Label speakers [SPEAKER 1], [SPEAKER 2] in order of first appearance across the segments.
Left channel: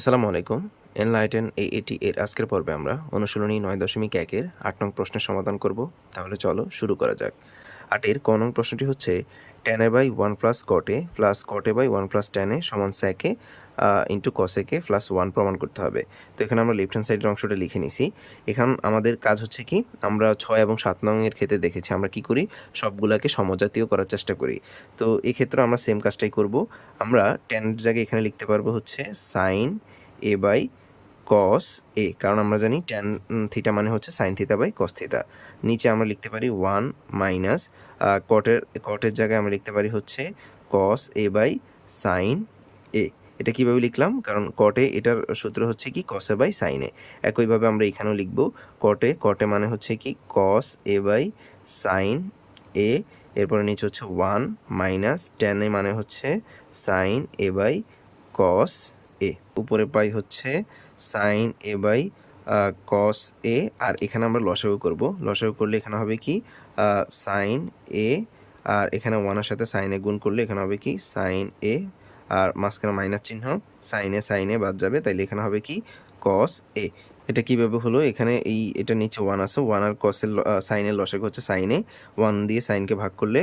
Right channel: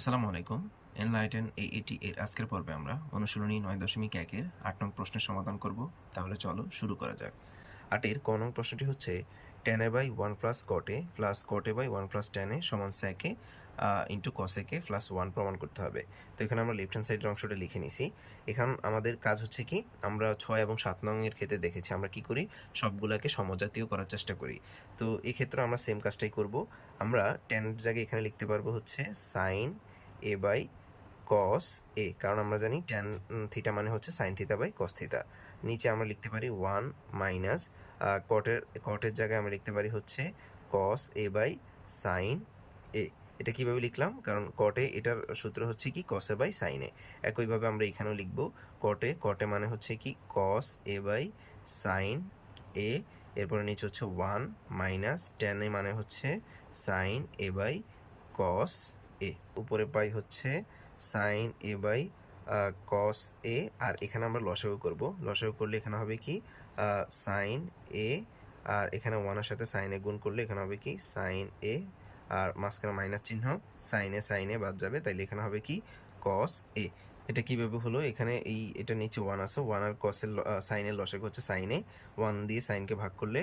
[SPEAKER 1] আসসালামু আলাইকুম। এনলাইটেন এ এটি এর আজকের পর্বে আমরা অনুশীলনী নয় দশমিক একের আট নং প্রশ্নের সমাধান করব। তাহলে চলো শুরু করা যাক। আটের ক নং প্রশ্নটি হচ্ছে tan A by one plus cot A plus cot A by one plus tan A সমান sec A into cosec A plus one প্রমাণ করতে হবে। তো এখানে আমরা লেফট হ্যান্ড সাইডের অংশটা লিখে নিছি। এখান আমাদের কাজ হচ্ছে কি, আমরা ছয় এবং সাত নংয়ের ক্ষেত্রে দেখেছি, আমরা কি করি? সবগুলাকে সমজাতীয় করার চেষ্টা করি। তো এই ক্ষেত্রে আমরা সেম কাজটাই করব। আমরা টেনের জায়গায় এখানে লিখতে পারব হচ্ছে সাইন এ বাই কস এ কারণ আমরা জানি ট্যান থিটা মানে হচ্ছে sine theta by cos theta নিচে আমরা লিখতে পারি ওয়ান মাইনাস কটের কটের জায়গায় আমরা লিখতে পারি হচ্ছে cos A by sine A এটা কীভাবে লিখলাম? কারণ কটে এটার সূত্র হচ্ছে কি কসে বাই সাইনে একইভাবে আমরা এখানেও লিখব কটে কটে মানে হচ্ছে কি কস এ বাই সাইন এ এরপরে নিচে হচ্ছে ওয়ান মাইনাস টেনে মানে হচ্ছে সাইন এ বাই কস এ উপরে পাই হচ্ছে sign A by cos A আর এখানে আমরা লসাগু করব। লসাগু করলে এখানে হবে কি সাইন এ আর এখানে ওয়ানের সাথে সাইনে গুণ করলে এখানে হবে কি সাইন এ আর মাঝখানে মাইনাস চিহ্ন সাইনে সাইনে বাদ যাবে। তাইলে এখানে হবে কি? কস এ এটা কীভাবে হলো? এখানে এই, এটা নিচে ওয়ান আছে। ওয়ান আর কসের সাইনের লসেক হচ্ছে সাইনে ওয়ান দিয়ে সাইনকে ভাগ করলে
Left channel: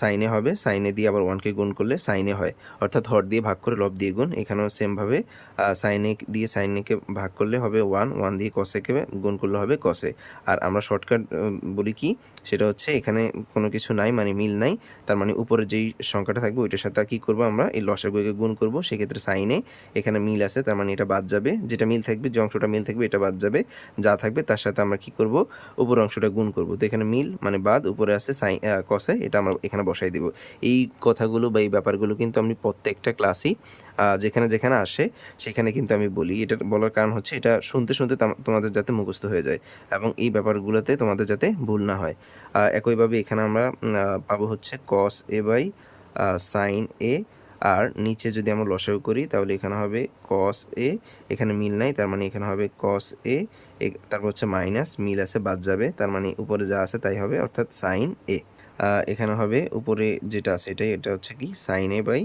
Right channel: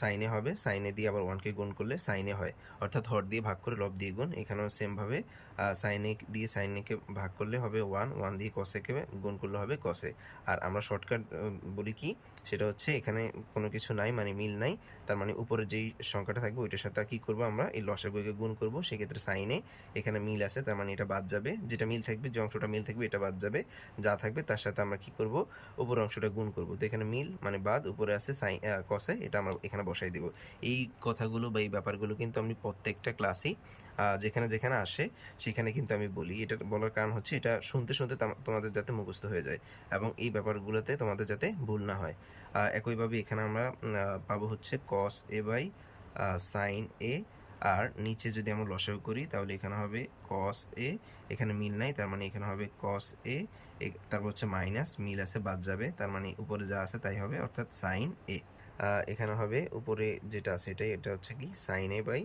[SPEAKER 1] সাইনে হবে। সাইনে দিয়ে আবার ওয়ানকে গুণ করলে সাইনে হয়। অর্থাৎ হর দিয়ে ভাগ করে লব দিয়ে গুণ। এখানেও সেমভাবে সাইনে দিয়ে সাইনেকে ভাগ করলে হবে ওয়ান ওয়ান দিয়ে কসেকে গুণ করলে হবে কসে আর আমরা শর্টকাট বলি কি? সেটা হচ্ছে এখানে কোনো কিছু নাই মানে মিল নাই। তার মানে উপরে যেই সংখ্যাটা থাকবে, ওইটার সাথে কী করব আমরা? এই লসাগুকে গুণ করব। সেক্ষেত্রে সাইনে এখানে মিল আছে, তার মানে এটা বাদ যাবে। যেটা মিল থাকবে, যে অংশটা মিল থাকবে এটা বাদ যাবে, যা থাকবে তার সাথে আমরা কি করব? উপর অংশটা গুণ করব। তো এখানে মিল মানে বাদ, উপরে আছে সাই কসে এটা আমরা এখানে বসাই দিব। এই কথাগুলো বা এই ব্যাপারগুলো কিন্তু আমি প্রত্যেকটা ক্লাসই যেখানে যেখানে আসে, সেখানে কিন্তু আমি বলি। এটা বলার কারণ হচ্ছে, এটা শুনতে শুনতে তোমাদের যাতে মুখস্থ হয়ে যায় এবং এই ব্যাপারগুলোতে তোমাদের যাতে ভুল না হয়। একইভাবে এখানে আমরা পাবো হচ্ছে কস এ বাই সাইন এ আর নিচে যদি আমরা লসাগু করি, তাহলে এখানে হবে কস এ এখানে মিল নাই, তার মানে এখানে হবে কস এ তারপর হচ্ছে মাইনাস মিল আছে, বাদ যাবে, তার মানে উপরে যা আছে তাই হবে, অর্থাৎ সাইন এ এখানে হবে উপরে যেটা আছে এটাই, এটা হচ্ছে কি? Sign A by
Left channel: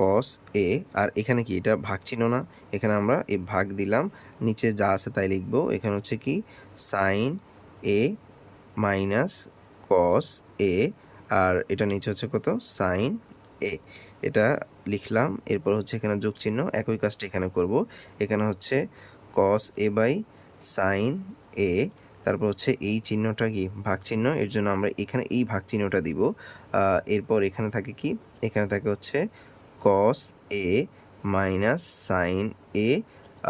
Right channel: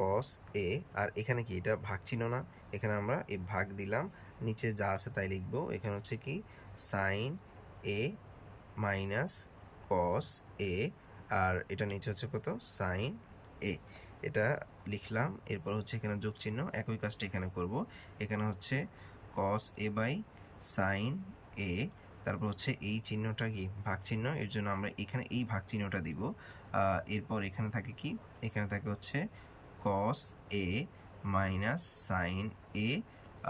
[SPEAKER 1] cos A আর এখানে কি? এটা ভাগ চিহ্ন না। এখানে আমরা এই ভাগ দিলাম, নিচে যা আছে তাই লিখব। এখানে হচ্ছে কি? Sign A minus cos A আর এটা নিচে হচ্ছে কত? Sine A. এটা লিখলাম, এরপর হচ্ছে এখানে যোগ চিহ্ন একই কাজটা এখানে করব। এখানে হচ্ছে কস এ বাই সাইন এ তারপর হচ্ছে এই চিহ্নটা কি? ভাগ চিহ্ন এর জন্য আমরা এখানে এই ভাগ চিহ্নটা দিব এরপর এখানে থাকে কি? এখানে থাকে হচ্ছে কস এ মাইনাস সাইন এ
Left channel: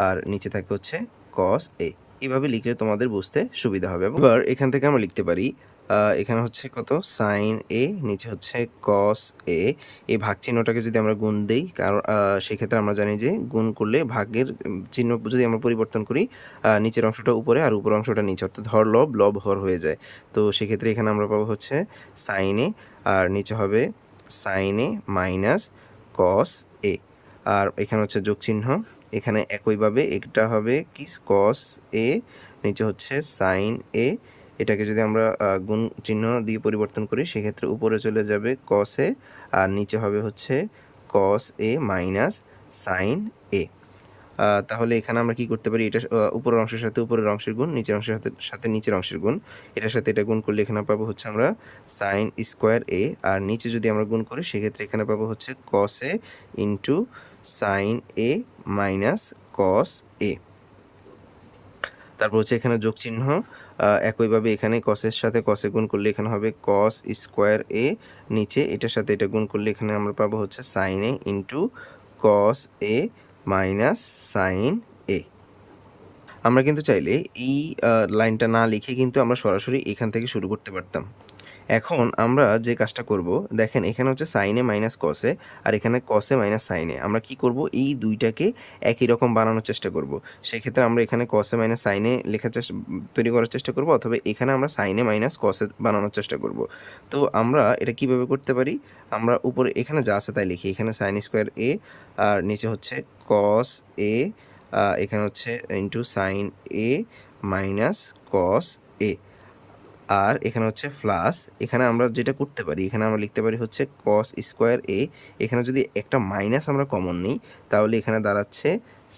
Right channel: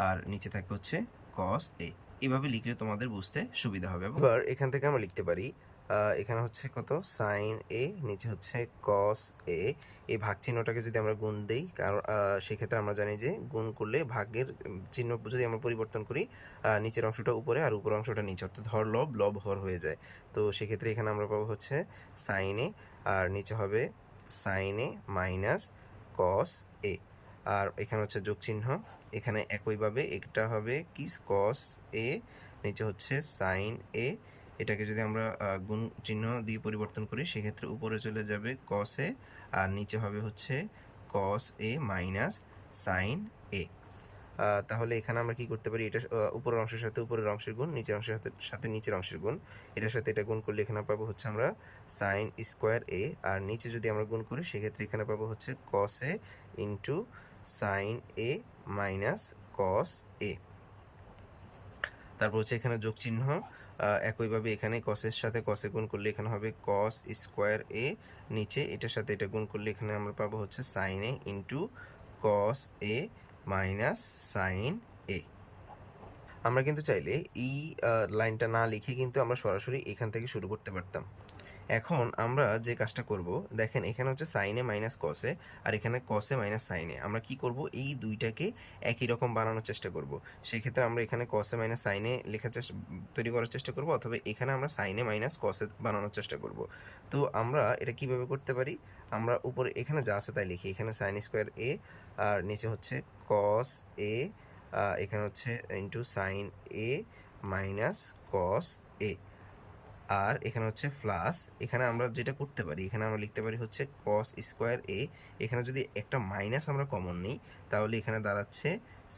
[SPEAKER 1] আর নিচে থাকে হচ্ছে কস এ এভাবে লিখলে তোমাদের বুঝতে সুবিধা হবে। এবার এখান থেকে আমরা লিখতে পারি এখানে হচ্ছে কত? সাইন এ নিচে হচ্ছে কস এ এই ভাগ চিহ্নটাকে যদি আমরা গুণ দিই, কারণ সেক্ষেত্রে আমরা জানি যে গুণ করলে ভাগের চিহ্ন যদি আমরা পরিবর্তন করি নিচের অংশটা উপরে আর উপর অংশটা নিচে, অর্থাৎ হর লব লব হর হয়ে যায়। তো সেক্ষেত্রে এখানে আমরা পাবো হচ্ছে সাইনে আর নিচে হবে সাইনে মাইনাস কস এ আর এখানে হচ্ছে যোগ চিহ্ন এখানে একইভাবে একটা হবে কি? কস এ নিচে হচ্ছে সাইন এ এটাকে যদি আমরা গুণ চিহ্ন দিয়ে পরিবর্তন করি, সেক্ষেত্রে উপরে চলে যাবে কস এ আর নিচে হবে হচ্ছে কস এ মাইনাস সাইন এ তাহলে এখানে আমরা কি করতে পারি? এটা উপরের অংশের সাথে উপরের অংশের গুণ, নিচের অংশের সাথে সাথে নিচের অংশের গুণ। এটার সাথে এটা গুণ করলে এখানে পাবো হচ্ছে আমরা সাইন স্কোয়ার এ আর নিচে যদি আমরা গুণ করি, সেক্ষেত্রে এখানে পাবো হচ্ছে cos A into sine A minus cos A তারপর হচ্ছে এখানে যোগ চিহ্ন একইভাবে এখানে কসের সাথে কসে গুণ করলে এখানে হবে কস স্কোয়ার এ নিচে এটার সাথে এটা গুণ করলে এখানে আমরা পাবো হচ্ছে sine A into cos A minus sine A. আমরা কিন্তু চাইলে এই লাইনটা না লিখে কিন্তু আমরা সরাসরি এখান থেকে শুরু করতে পারতাম। এখন আমরা যে কাজটা করব, দেখেন এখানে হচ্ছে সাইনে মাইনাস কসে আর এখানে কসে মাইনাস সাইনে আমরা কি করব? এই দুইটাকে একই রকম বানানোর চেষ্টা করব। সেক্ষেত্রে আমরা এখানে কসে মাইনাস সাইনে লেখার চেষ্টা, তৈরি করার চেষ্টা করব, অথবা এখানে আমরা সাইনে মাইনাস কসে বানানোর চেষ্টা করব। তো আমরা এটা কীভাবে করতে পারি? আমরা উপরে, এখানে যা আছে তাই লিখি। এখানে সাইন স্কোয়ার এ আর নিচে হচ্ছে কস এ এখানে হচ্ছে into sine A minus cos A আর এখানে হচ্ছে প্লাস এখানে আমরা যেটা করতে পারি, এখানে আমরা লিখতে পারি হচ্ছে কস স্কোয়ার এ এখানে যদি একটা মাইনাস আমরা কমন নিই, তাহলে এখানে দাঁড়াচ্ছে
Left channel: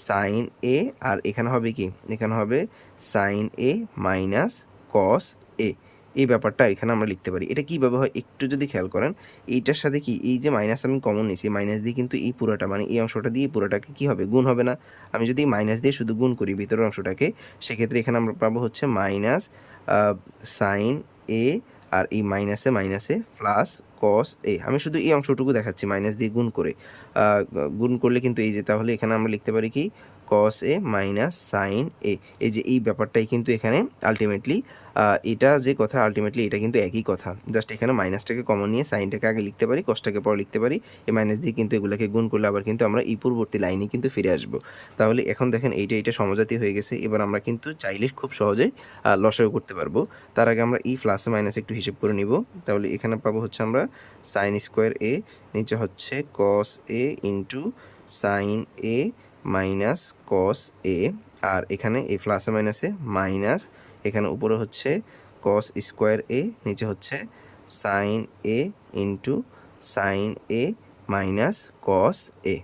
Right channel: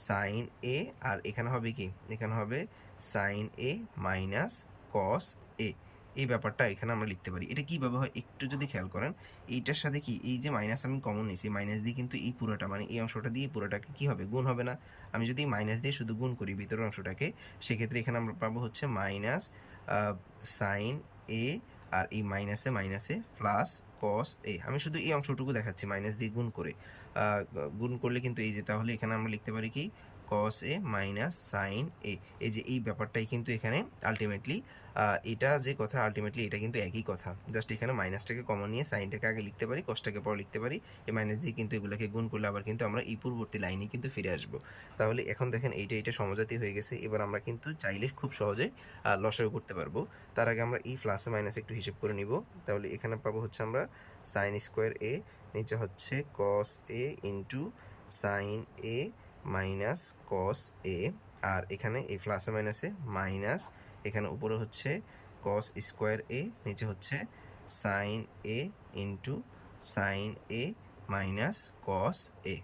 [SPEAKER 1] সাইন এ আর এখানে হবে কি? এখানে হবে সাইন এ মাইনাস কস এ এই ব্যাপারটা এখানে আমরা লিখতে পারি। এটা কীভাবে হয় একটু যদি খেয়াল করেন, এইটার সাথে কি, এই যে মাইনাস আমি কমন নিছি মাইনাস দিয়ে কিন্তু এই পুরোটা মানে এই অংশটা দিয়ে পুরোটাকে কী হবে? গুণ হবে না। আমি যদি মাইনাস দিয়ে শুধু গুণ করি ভিতরের অংশটাকে, সেক্ষেত্রে এখানে আমরা পাবো হচ্ছে মাইনাস সাইন এ আর এই মাইনাসে মাইনাসে প্লাস কস এ আমি শুধু এই অংশটুকু দেখাচ্ছি মাইনাস দিয়ে গুণ করে। গুণ করলে কিন্তু এই যে, তাহলে এখানে আমরা লিখতে পারি কি? কস এ মাইনাস সাইন এ এই যে এই ব্যাপারটাই কিন্তু এখানে আলটিমেটলি এটা যে কথা আলটিমেটলি এটা কিন্তু একই কথা। জাস্ট এখানে মাইনাসটাকে কমন নিয়ে সাইনটাকে আগে লিখতে পারি কসটাকে পরে লিখতে পারি। এই মাইনাস দিয়ে কিন্তু এগুলোকে গুণ করলে আবার কিন্তু আমরা এই পূর্ববর্তী লাইনে কিন্তু ফিরে আসব। তাহলে এখন দেখেন এইটা এটা সমজাতি হয়ে গেছে। এবার আমরা কিন্তু চাইলে খুব সহজে লসাগু করতে পারব। তার আগে আমরা এই প্লাসে মাইনাস একটু হিসেব করে নিব। তাহলে এখানে পাবো হচ্ছে আমরা সাইন স্কোয়ার এ নিচে হচ্ছে cos A into sine A minus cos A আর এখানে এই প্লাসে মাইনাসে মাইনাস এখানে উপরে হচ্ছে কস স্কোয়ার এ নিচে হচ্ছে sine A into sine A minus cos A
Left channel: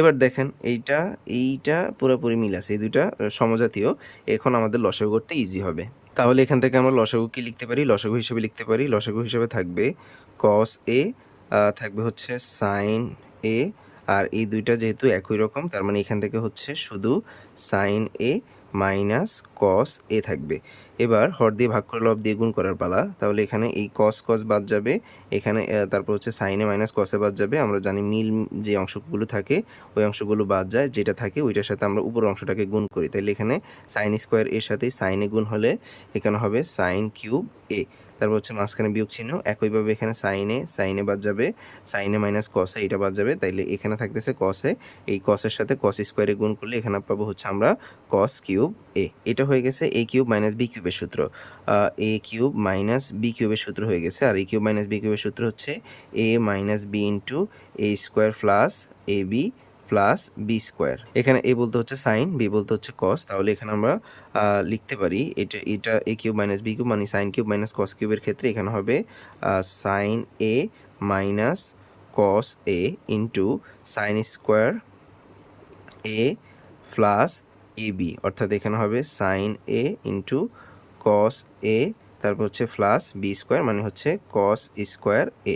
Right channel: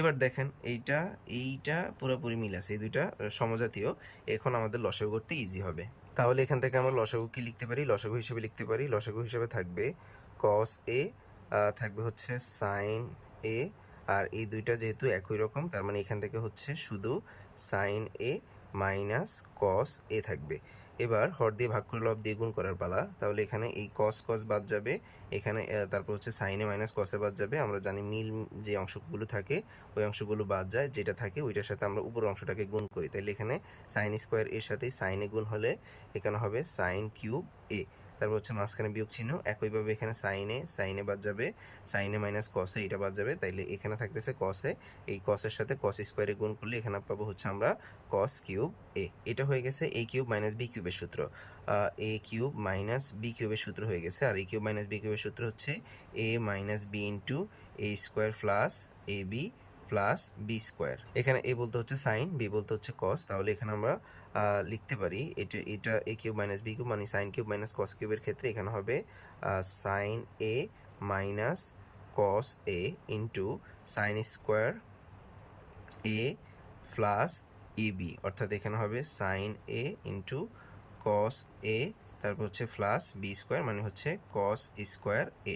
[SPEAKER 1] এবার দেখেন এইটা এইটা পুরোপুরি মিল আছে, এই দুইটা সমজাতীয়। এখন আমাদের লসাগু করতে ইজি হবে। তাহলে এখান থেকে আমরা লসাগু কি লিখতে পারি? লসাগু হিসেবে লিখতে পারি। লসাগু হিসেবে থাকবে কস এ থাকবে হচ্ছে সাইন এ আর এই দুইটা যেহেতু একই রকম, তার মানে এখান থেকে হচ্ছে শুধু সাইন এ মাইনাস কস এ থাকবে। এবার হর দিয়ে ভাগ করে লব দিয়ে গুণ করার পালা। তাহলে এখানে এই কস কস বাদ যাবে। এখানে তারপর হচ্ছে সাইনে মাইনাস কসে বাদ যাবে। আমরা জানি মিল যে অংশগুলো থাকে, ওই অংশগুলো বাদ যায়। যেটা থাকে ওইটার সাথে আমরা উপর অংশটাকে গুণ করি। তাহলে এখানে সাইন স্কোয়ার এর সাথে সাইনে গুণ হলে এখানে হবে সাইন কিউব এ তারপর হচ্ছে মাঝখানে বিয়োগ চিহ্ন একইভাবে এখানে সাইনে সাইনে বাদ যাবে সাইনে মাইনাস কসে এটা বাদ যাবে, তাইলে এখানে থাকতেছে কসে এই কসের সাথে কস স্কোয়ারে গুণ করলে এখানে পাবো হচ্ছে আমরা কস কিউব এ এটা হয়ে গেছে এ কিউব মাইনাস বি কিউবের সূত্র। এ কিউব মাইনাস বি কিউবের সূত্র হয়ে গেছে, আর এ কিউব মাইনাস বি কিউবের সূত্র হচ্ছে A minus B into A square plus A B plus B square এখানে এ বলতে হচ্ছে সাইন বি বলতে হচ্ছে কস তাহলে এখানে আমরা লিখতে পারি এটা এটা A cube minus B cube মানে সাইন কিউব মাইনাস কস কিউবের ক্ষেত্রে এখানে হবে sine A minus cos A into sine square A plus A B অর্থাৎ এখানে হবে sign A into cos A তারপর হচ্ছে প্লাস বি স্কোয়ার মানে হচ্ছে কস স্কোয়ার এ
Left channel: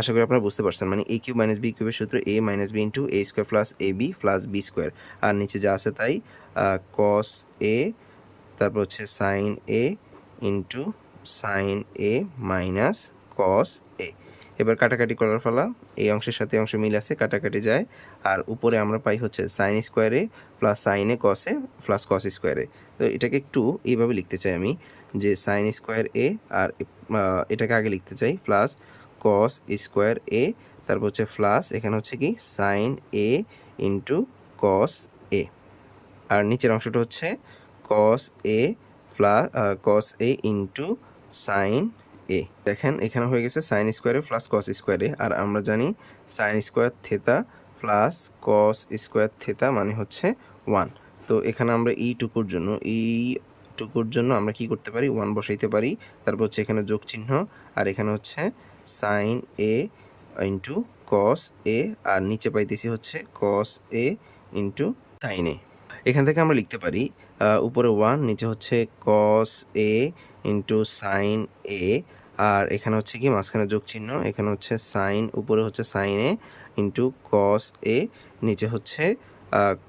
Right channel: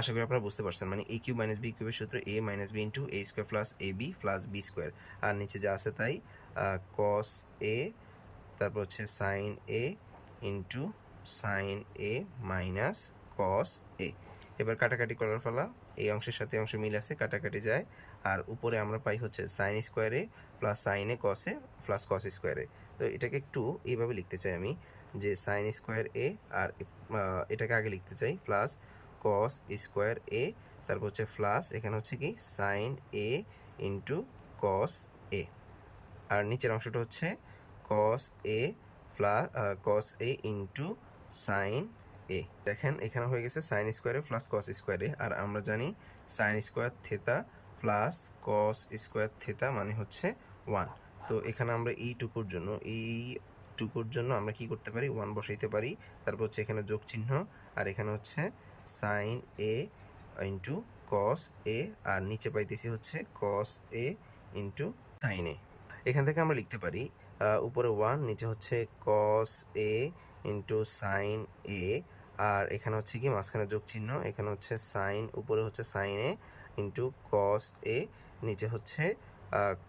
[SPEAKER 1] আশা করি আপনারা বুঝতে পারছেন। মানে এ কিউব মাইনাস বি কিউবের সূত্র A minus B into A square plus A B plus B square আর নিচে যা আছে তাই কস এ তারপর হচ্ছে sine A into sine A minus cos A এবার কাটাকাটি করার ফলা এই অংশের সাথে অংশ মিল আছে, কাটাকাটি যায়। আর উপরে আমরা পাই হচ্ছে সাইন স্কোয়ারে প্লাস সাইনে কসে প্লাস কস স্কোয়ারে তো এটাকে একটু এইভাবে লিখতে চাই আমি, যে সাইন স্কোয়ার এ আর এটাকে আগে লিখতে চাই প্লাস কস স্কোয়ার এ তারপর হচ্ছে প্লাস এখানে হচ্ছে কি sign A into cos A আর নিচের অংশটা হচ্ছে cos A plus cos A into sine A দেখেন, এখানে হয়ে গেছে সাইন স্কোয়ারে প্লাস কস স্কোয়ারে আর আমরা জানি sine square theta plus cos square theta মানে হচ্ছে ওয়ান তো এখানে আমরা এই টুকুর জন্য এই টুকুর জন্য আমরা কি করতে পারি? ওয়ান বসাইতে পারি। তারপর হচ্ছে এখানে যোগ চিহ্ন আর এখানে হচ্ছে sign A into cos A আর নিচে পাইতেছি হচ্ছে কস এ ইন্টু সাইন এ এখান থেকে আমরা লিখতে পারি উপরে ওয়ান নিচে হচ্ছে কস এ ইন্টু সাইন এ আর এখানে হচ্ছে কি, মাঝখানে যোগ চিহ্ন, এখানে হচ্ছে সাইন উপরে হচ্ছে সাইন এ ইন্টু কস এ নিচে হচ্ছে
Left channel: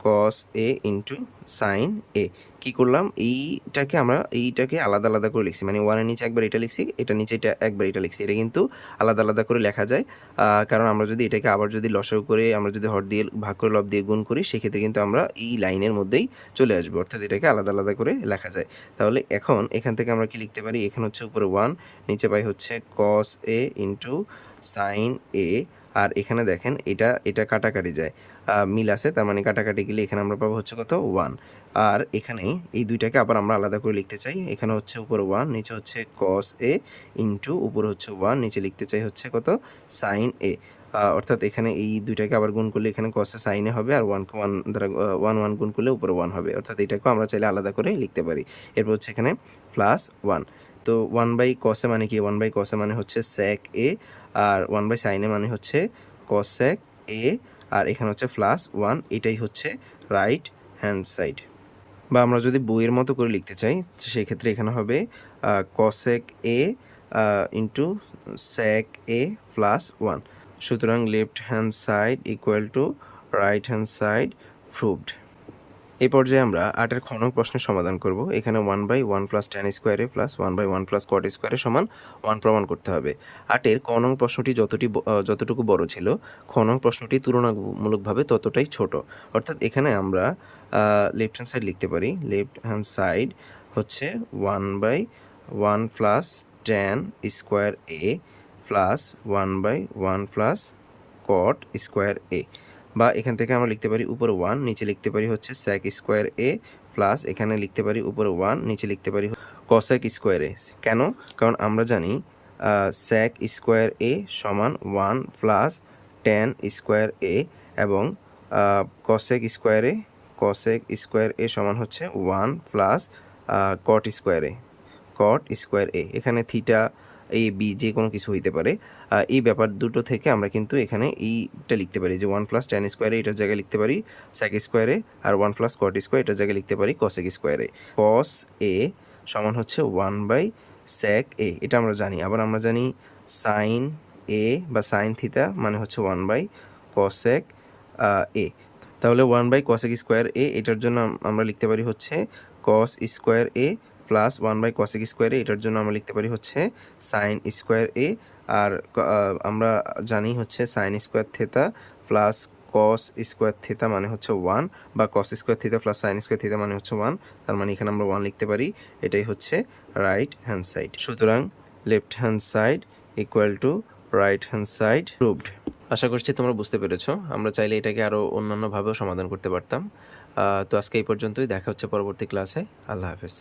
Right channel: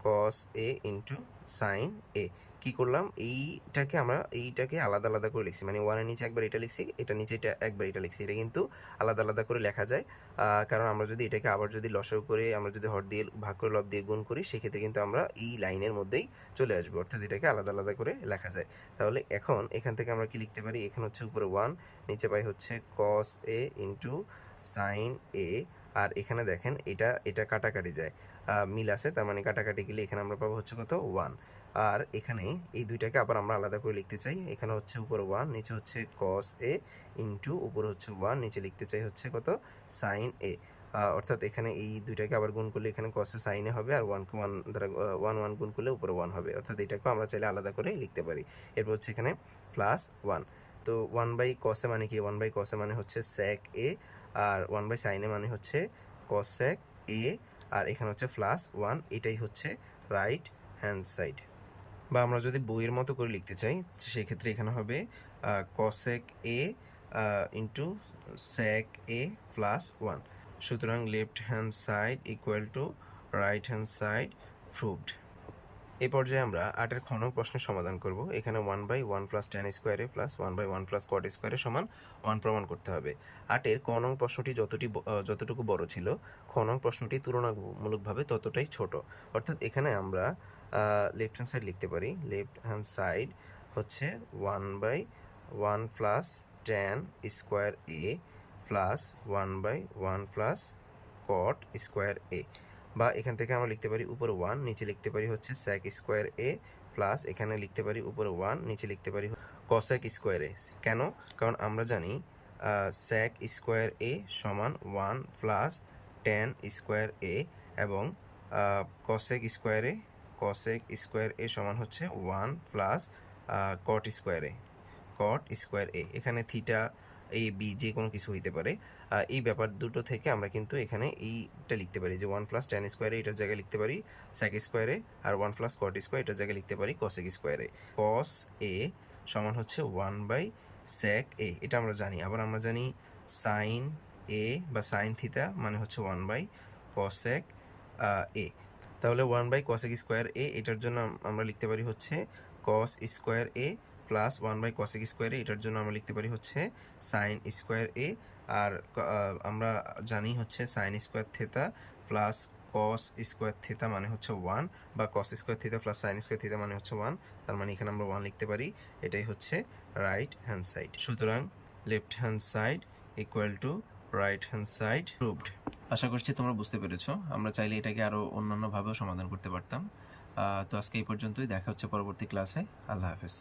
[SPEAKER 1] কস এ ইন্টু সাইন এ কি করলাম? এইটাকে আমরা, এইটাকে আলাদা আলাদা করে লিখছি। মানে ওয়ানের নিচে একবার এটা লিখছি এটা নিচে এটা একবার এটা লিখছি। এটা কিন্তু আলাদা আলাদা করে লেখা যায়। কারণ আমরা যদি এটাকে আবার যদি লসাগু করে, আমরা যদি হর দিয়ে, ভাগ করে, লব দিয়ে গুণ করি, সেক্ষেত্রে কিন্তু আমরা এই লাইনের মধ্যেই চলে আসব। অর্থাৎ এটাকে আলাদা আলাদা করে লেখা যায়। তাহলে এখন এখান থেকে আমরা কি লিখতে পারি? এখানে হচ্ছে উপরে ওয়ান নিচে পাই হচ্ছে কস এ ইন্টু সাইন এ আর এখানে দেখেন এটা এটা কাটাকাটি যায়। মিল আছে, তার মানে কাটাকাটি গেলে এখানে আমরা পাবো হচ্ছে কত? ওয়ান আর এখানে এই দুইটাকে আবার আমরা আলাদা করে লিখতে চাই। এখানে হচ্ছে উপরে ওয়ান নিচে হচ্ছে কস এ ইন্টু উপরে হচ্ছে ওয়ান নিচে লিখতে চাই হচ্ছে কত? সাইন এ অর্থাৎ এখানে এই দুইটাকে আবার গুণ করলে এখানে কসে সাইনে হবে, আর ওয়ানকে ওয়ান দ্বারা ওয়ান ওয়ান গুণ করলে উপরে ওয়ান হবে। অর্থাৎ এটাকেও আমরা চাইলে আলাদা করে লিখতে পারি। এরপর হচ্ছে এখানে প্লাস ওয়ান তো ওয়ান বাই কসে মানে কি? ওয়ান বাই কসে মানে হচ্ছে স্যাক এ আর ওয়ান বাই সাইনে মানে হচ্ছে কসেক এ আর এখানে হচ্ছে প্লাস ওয়ান এটাই হচ্ছে রাইট হ্যান্ড সাইড বা আমরা যদি বইয়ের মতো করে লিখতে চাই সেক্ষেত্রে এখানে হবে cosec A into sec A plus one সুতরাং left hand side equal to right hand side proved এই পর্যায়ে আমরা আটের খনক প্রশ্নের সমাধান করব। এখানে one by one plus tan square A plus one by one plus cot square A সমান ওয়ান প্রমাণ করতে হবে। আটের ক নং প্রশ্নটি যতটি যতটুকু বড় ছিল খ নং প্রশ্নটি তুলনামূলকভাবে ততটাই ছোট। অর্থাৎ এখানে আমরা লেফট হ্যান্ড সাইড লিখতে পারি। লেফট হ্যান্ড সাইড হচ্ছে one by one plus tan square A plus one by one plus cot square A বা এখান থেকে আমরা লিখতে পারি উপরে ওয়ান নিচে লিখতে পারি হচ্ছে স্যাক স্কোয়ার এ প্লাস এখানে লিখতে পারি উপরে ওয়ান নিচে লিখতে পারি কসেক স্কোয়ার এ কেন? কারণ আমরা জানি স্যাক স্কোয়ার এ সমান one plus tan square A এবং cosec square cosec square A সমান হচ্ছে one plus cot square cot square A এখানে থিটা এ বি যে কোনো কিছু হইতে পারে। এই ব্যাপার দুটো থেকে আমরা কিন্তু এখানে এইটা লিখতে পারি যে ওয়ান প্লাস টেন স্কোয়ারে এটার জায়গায় লিখতে পারি স্যাক স্কোয়ারে আর ওয়ান প্লাস কট স্কোয়ার এটার জায়গায় লিখতে পারি কসেক স্কোয়ারে কস এ। সমান হচ্ছে ওয়ান বাই স্যাক এ এটা আমরা জানি। আবার আমরা জানি সাইন এ বা সাইন থিতা মানে হচ্ছে ওয়ান বাই কসেক এ তাহলে one by cosec square A এটার জন্য আমরা লিখতে পারি হচ্ছে cos square A plus one by cosec square এটার জন্য আমরা লিখতে পারি হচ্ছে সাইন স্কোয়ার এ আর আমরা জানি হচ্ছে sine square theta plus cos square theta মানে হচ্ছে ওয়ান বা cos square theta plus sine square theta মানে হচ্ছে ওয়ান তার মানে এখানে আমরা ওয়ান লিখতে পারি। এটাই হচ্ছে রাইট হ্যান্ড সাইড সুতরাং left hand side equal to right hand side proved আশা করছি তোমরা বুঝতে পেরেছ। আমরা চাইলে এটাকে আরও অন্যান্যভাবেও সমাধান করতে পারতাম। তো আজকে এই পর্যন্তই। দেখা হচ্ছে পরবর্তী ক্লাসে আল্লাহ হাফেজ।